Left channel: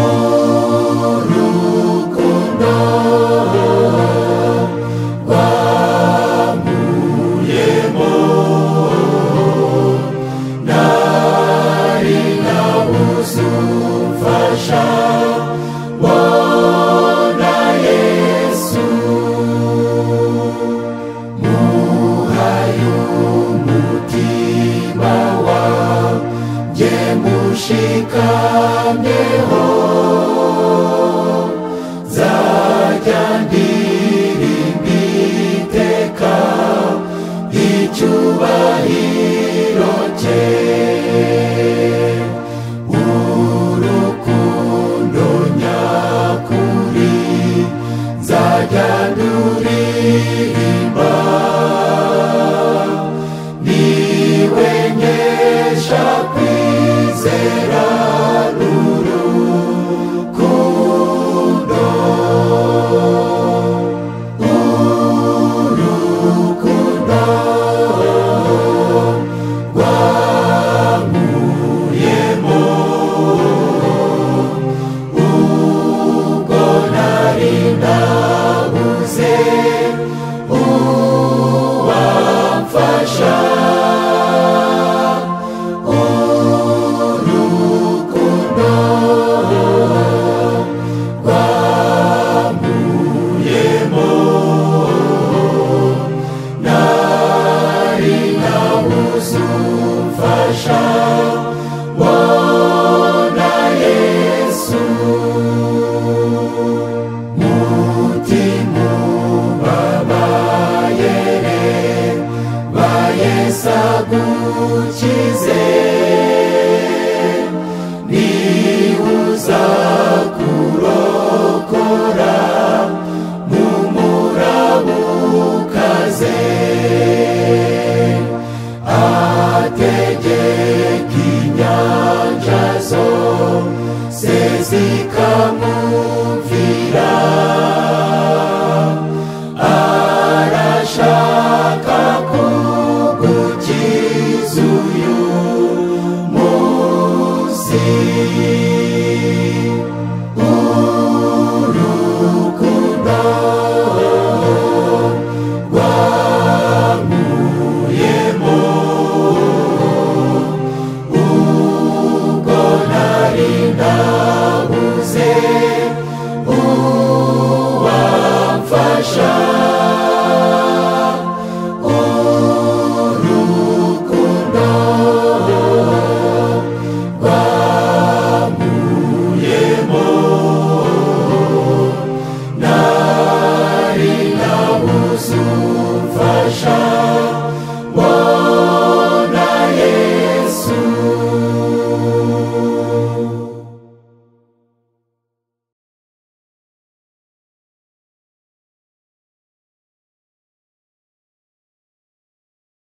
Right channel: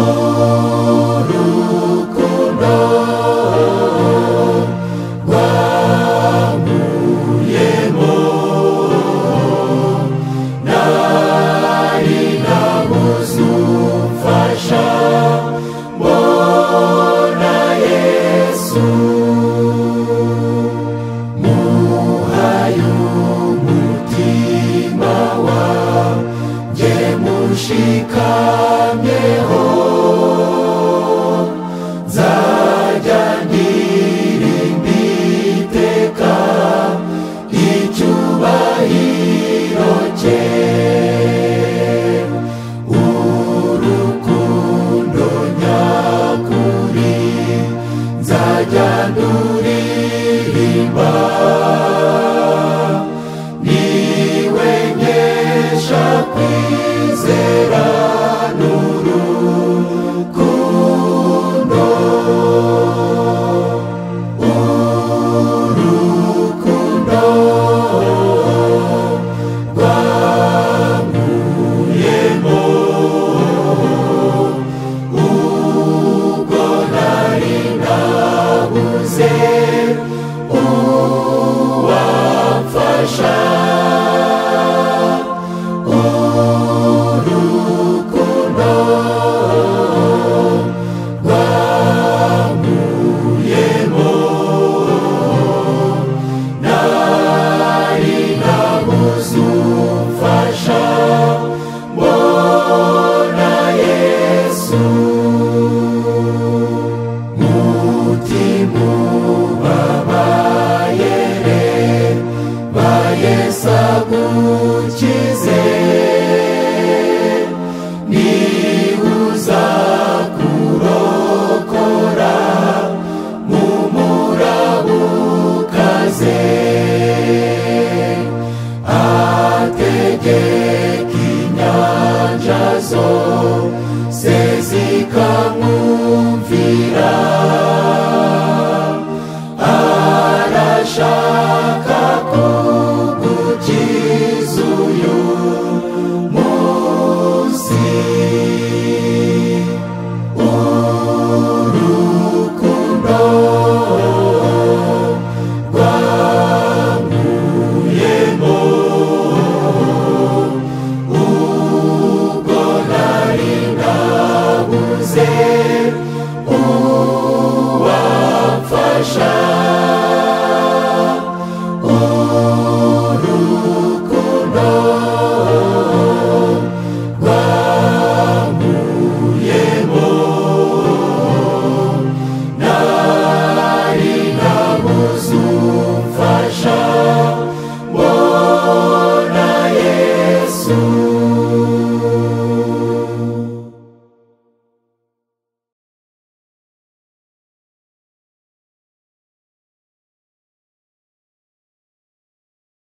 umfasha urukundo rwamuyemo nari nabuze umfasha mbona Yesu muhaye umutima wanjye mushikamyeho nzajya ndirimba iteka icyubahiro cye urukundo nyakuri nzajya nduririmba niwe nkesha kwizera n'urukundo urukundo rwamuyemo ubwo nari nabuze uwamfasha urukundo rwamuyemo nari nabuze umfasha mbona Yesu mutima ubabaye ba Yesu agukize niuza kurokora mu murabukaze ategeka inyanja zose zikamwumvira